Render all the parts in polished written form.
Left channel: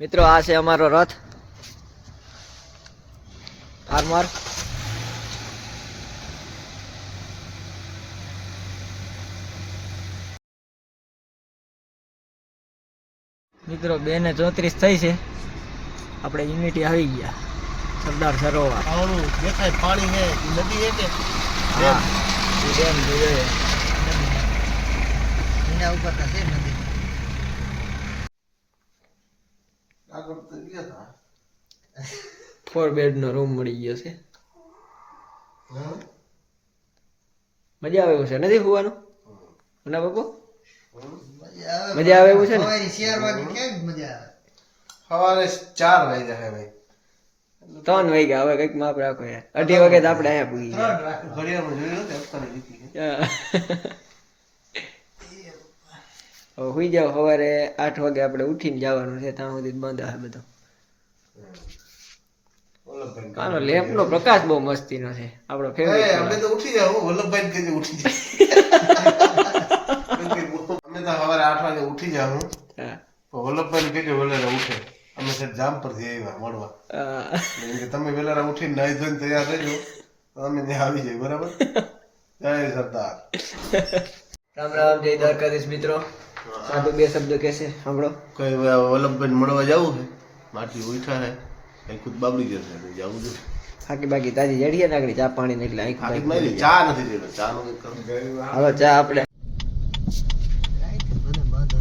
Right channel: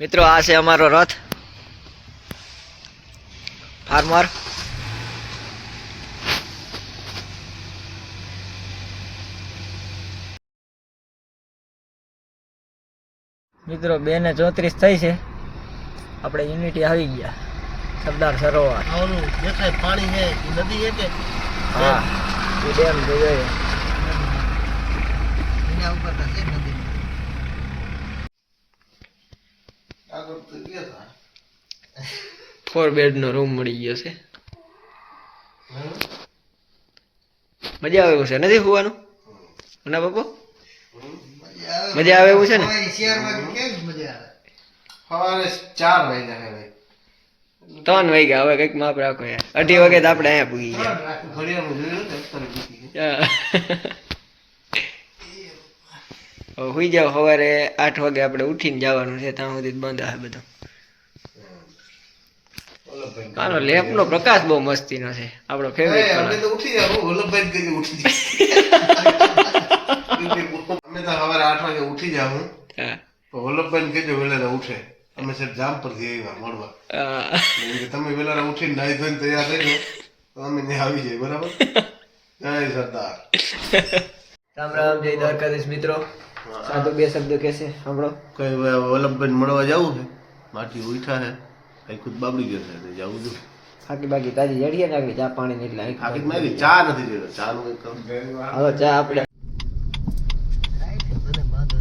મિત્રો આ છે અમારો રથ ફાર્મર મિત્રો 2:34 થઈ છે આપણે યુનિટી આવી ગયા સરદાર સરોવર દેખાય પાણી છે નદી છે કે હા એ ડેમ જોઈએ એના ઉપર તો છે નદી આગળ તો ગયા 4 બેડ નો રૂમ મળી ગયો છે મજા આવે એવું છે નથી હોવાનું ના બાપુ મજા આવે એવું છે ને શિયાળ વાગે કેમ મજા સવારે આવે 4 વાગ્યા છે ભાઈ 3 વાગ્યા હવે કઈક માપ રાખો યાર 2:30 વાગે તો આપણે અહીંયા પૂગી ગયા ઘડિયાળમાં જોયું ને અત્યારે જીતી હવે સુઈ જાવ સવારે 8 વાગે આપણે ઉઠીને જવાનું છે ત્યાં સુધી બંધ આવે બધું આનો લેમ્પ નો પ્રકાશ બહુ મસ્તીનો છે આપણો ફેવરિટ અમે તો ઉઠી જાવ વલ્લભભાઈ કઈ ઉઠી જાય અમે તો સવારે 8 વાગે ઉઠી જાવ હા તો વલ્લભભાઈ કહેજો વેલેરા ઉઠે અમે સર જામ પર થી આવ્યા મળવા એટલે તમે વેલેરા ઉઠીને નાઈ ધોઈને તૈયાર થઈ જાવ તો અમે ત્યાં આવી જાય બરાબર જય સરદાર રામ રામ જય દ્વારકાધીશ મિત્રો સાધુ બે શબ્દ કહેશે સાંભળો કઈ વલ્લભભાઈ મળવા જવું છે માટી ઉઠા છે કઈ ખુદ બાબડી ગયો છે જવું છું બાકી બાકી તાજી જડીએ ને આગળ ચા પાણી ને એટલે આખી મારી ચા નથી જોયો ચા નું કઈ કરું હવે ચા આપણે મને બાંધો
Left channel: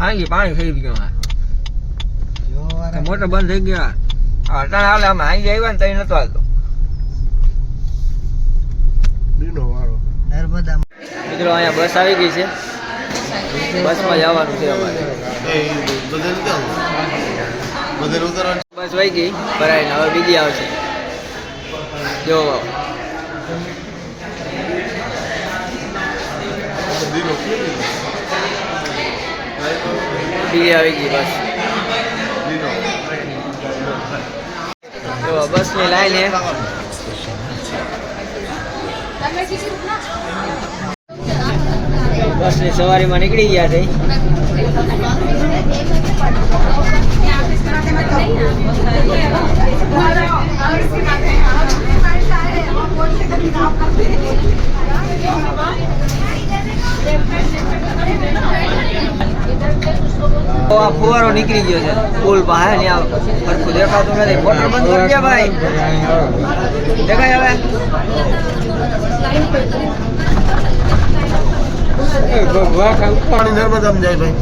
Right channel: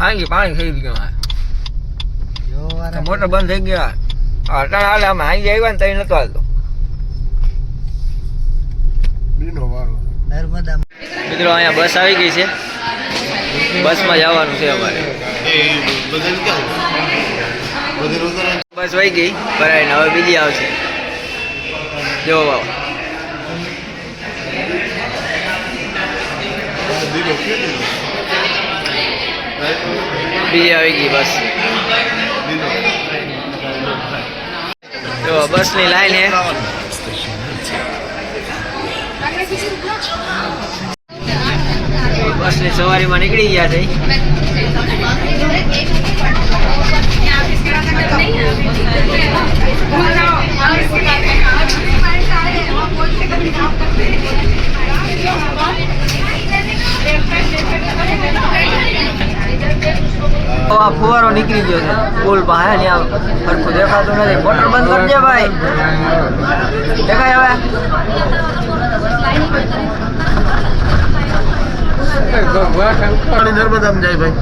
હાંગી પાણી થઈ ગયું જો વારા મોટર બંધ થઈ ગયા અટાણ હાલે અમે હાંગી આવ્યા ને તઈ નતો હાલતો બીનો વાળો નર્મદા મિત્રો અહીંયા બસ આવી ગઈ છે બસમાં જવાનું છે અમારે બસ વહી ગઈ ભરાઈને હવે બીજી આવશે જો બાબા બીજી આવી ગઈ બસ જો બસની લાઈન હે બસની સવારીમાં નીકળી ગયા છે આ ફુવારો નીકળી ગયો છે પુલ પાસે ત્યાં સરખું દેખાતું નથી મોટર બંધ કરજે ભાઈ દેખાય હવે નર્મદામાં જાય ભાઈ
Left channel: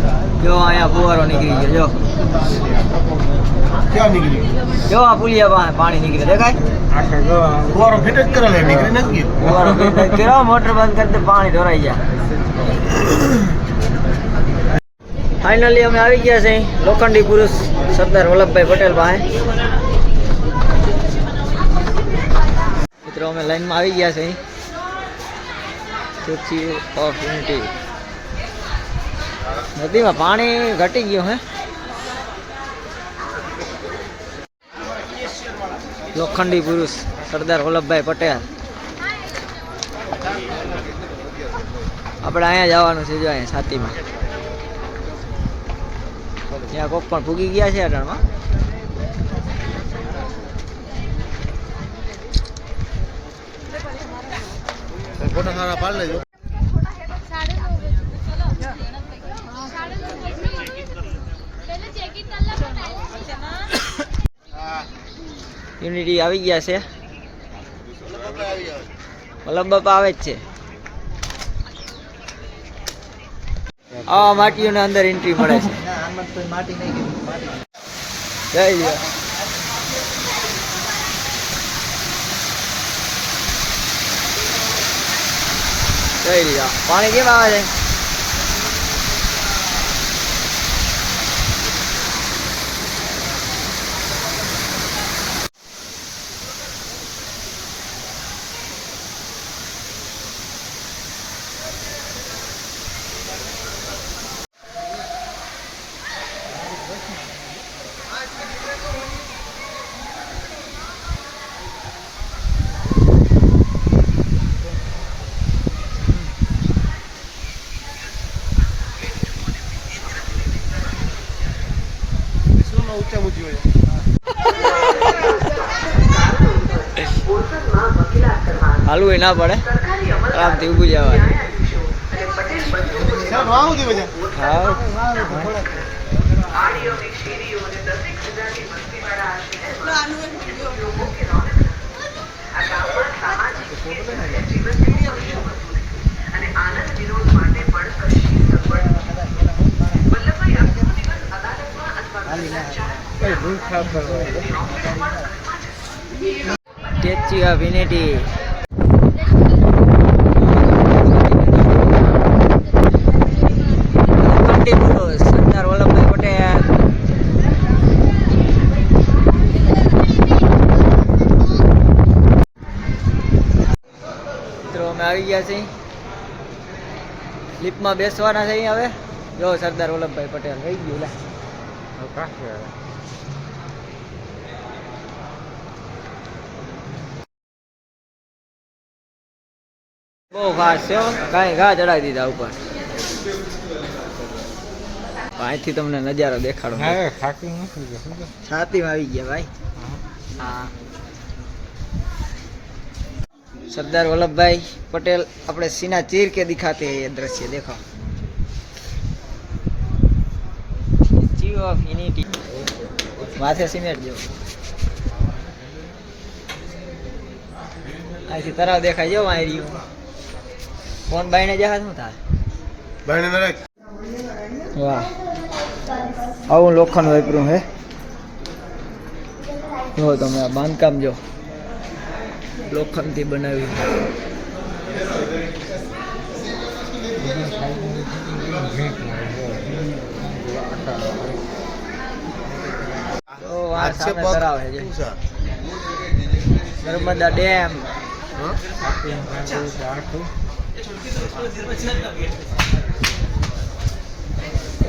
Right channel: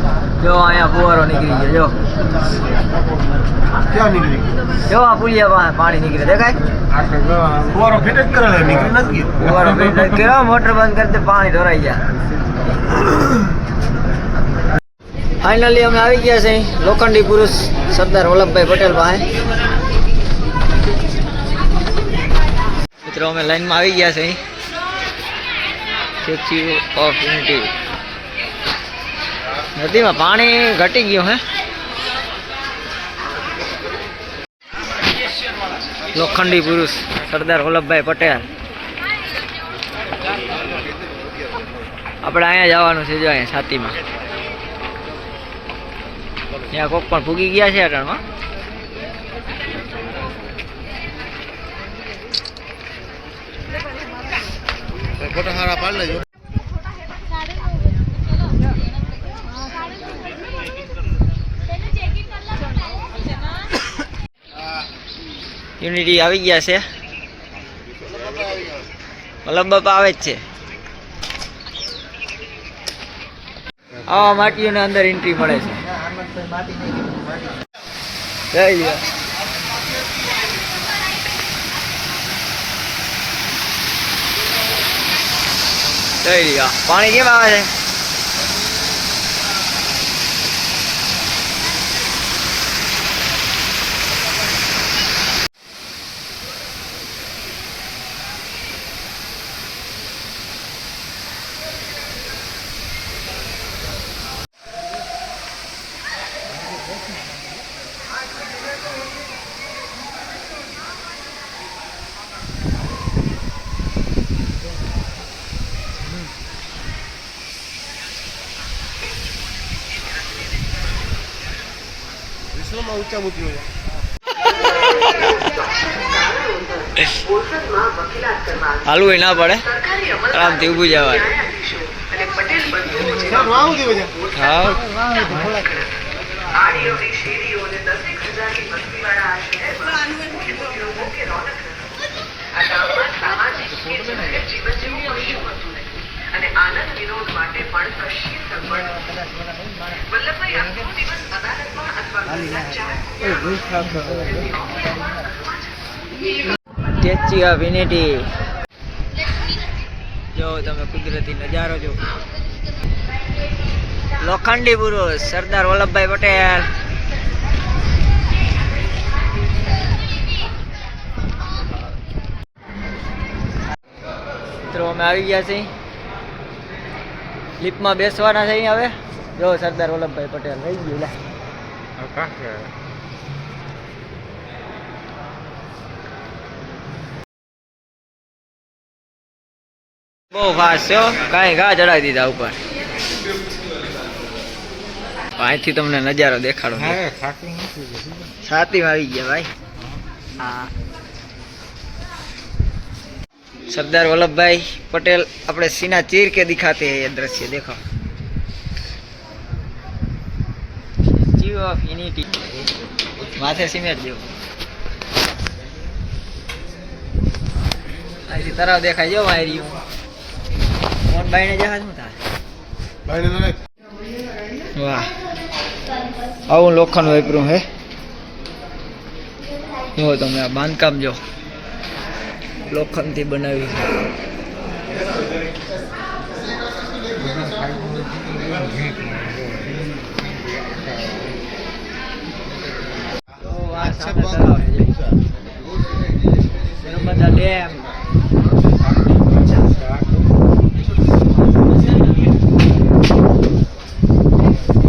જો અહીંયા ફુવારો નીકળી ગયો જો ક્યાં નીકળી જો આ પુલિયા પાસે પાણી નીકળે દેખાય ફુવારો ફિટ જ કરેલો નીકળી નથી ફુવારો બંધ કર્યો મોટર બંધ કરી દે પાણી ઢોરાઈ ગયા ફાઇનલી અમે આવી ગયા છે લોખંડી પુરુષ સરદાર વલ્લભભાઈ પટેલ પાસે મિત્રો અમે લાઈનમાં આવી ગયા છે સ્ટેચ્યુ ઓફ યુનિટી નદીમાં પાણી ઘટી ગયું હે લોખંડી પુરુષ સરદાર વલ્લભભાઈ પટેલ આપણે અહીંયા જવાનું છે જો અહીંયા છાતીમાં ત્યાં કોક પણ ભૂગી ગયા છે અટાણમાં ફોટો સારા પાડ લેજો યુનિટી આવી ગયા છે વલ્લભ બાપા આવે જ છે આવા માટીઓને અંદર એન્ટ્રી મળે છે જઈ લ્યો જઈ લ્યો પાણી કેમ આવે છે ઊંચા ઊંચી હાલવું ના પડે, આરામથી ઊભું જવાનું. હા સ્ટેચ્યુ ઓફ યુનિટી. લોખંડી પુરુષ સરદાર વલ્લભભાઈ પટેલ. મિત્રો અમે આવી ગયા છીએ, લિફ્ટમાં બેસવાના છે. હવે જો સરદાર વલ્લભભાઈ પટેલ રહી ગયું. લે બહુ ફાસ્ટ છો, કાંઈ ઘા ચડાવી દીધા ઉપર. અહીંથી તમને નજારો દેખાડો. છાતીમાં આવી ગયા ભાઈ. હા, सरदार वल्लभ भाई पटेल अपने सीना चीर के दिखाते हैं ये दृश्य. देखो स्टैच्यू ऑफ यूनिटी. माथे सीमेंट जो ऐसी तरह देखा जो मारी कौन बाईने जहाज में था वाह आવું લોખંડ વાપર્યું હે. જો તમે આ બાંધકામ જો લોખંડથી બનાવ્યું છે. તો આ સામે તળાવ છે નર્મદા ડેમ.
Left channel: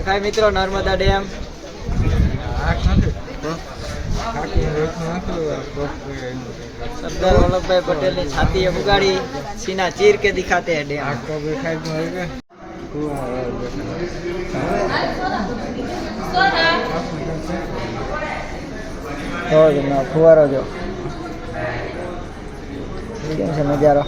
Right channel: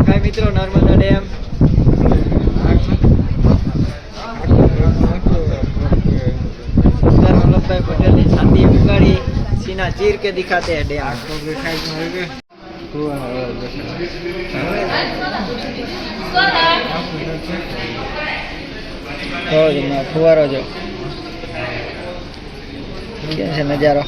હાય મિત્રો, નર્મદા ડેમ. सरदार वल्लभ भाई पटेल ने छाती उगाड़ी, सीना चीर के दिखाते हैं डैम. फुवारो जो कैसे नजारो.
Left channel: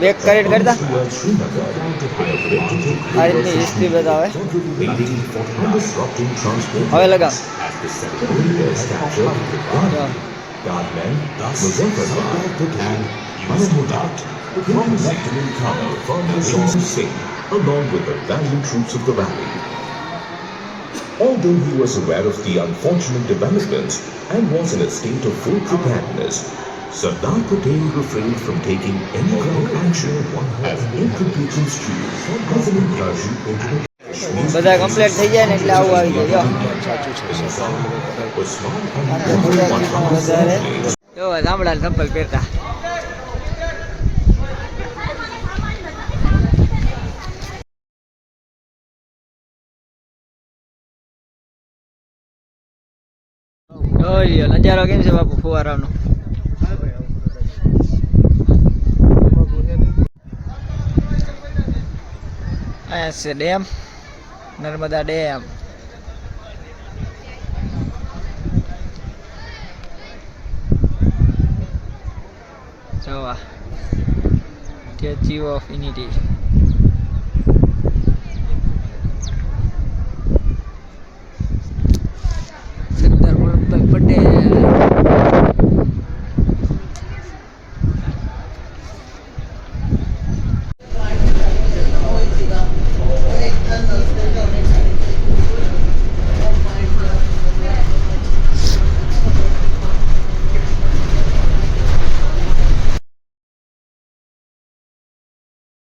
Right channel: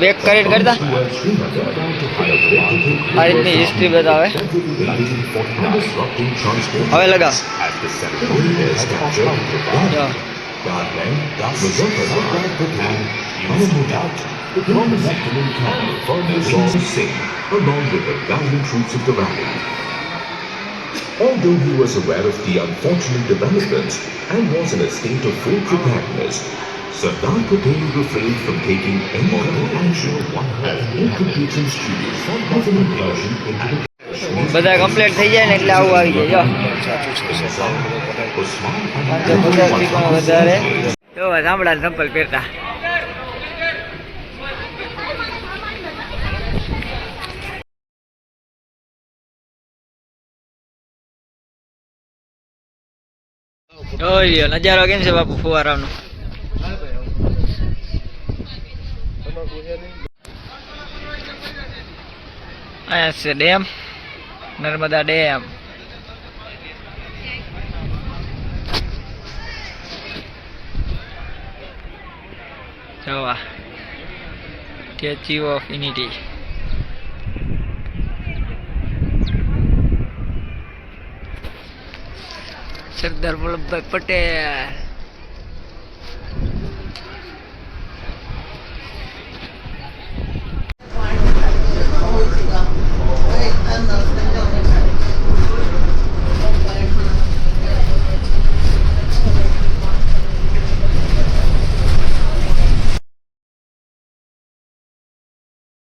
બેક કરેક્ટ કરતા આ રીતની હિસ્ટ્રી બતાવે. હવે લગાવ along with the valiant troops of the valley. Although he was aware of the unfortunate developments and was in a state of full preparedness, Sardar Patel refrained from taking any kind of action as infiltrations as an incursion into the બધા complete થઈ જાય ને એટલે આવું આવી જાય. જો 550 થી પણ વધારે જો ગામડા સંપલ પહેરતા. જોઈ નજારો કેમ છે બાપુ ફુવારાનો. અહીંયા છે ડેમ, નર્મદા ડેમ. જોવા statue of unity. Sardar Vallabhbhai Patel.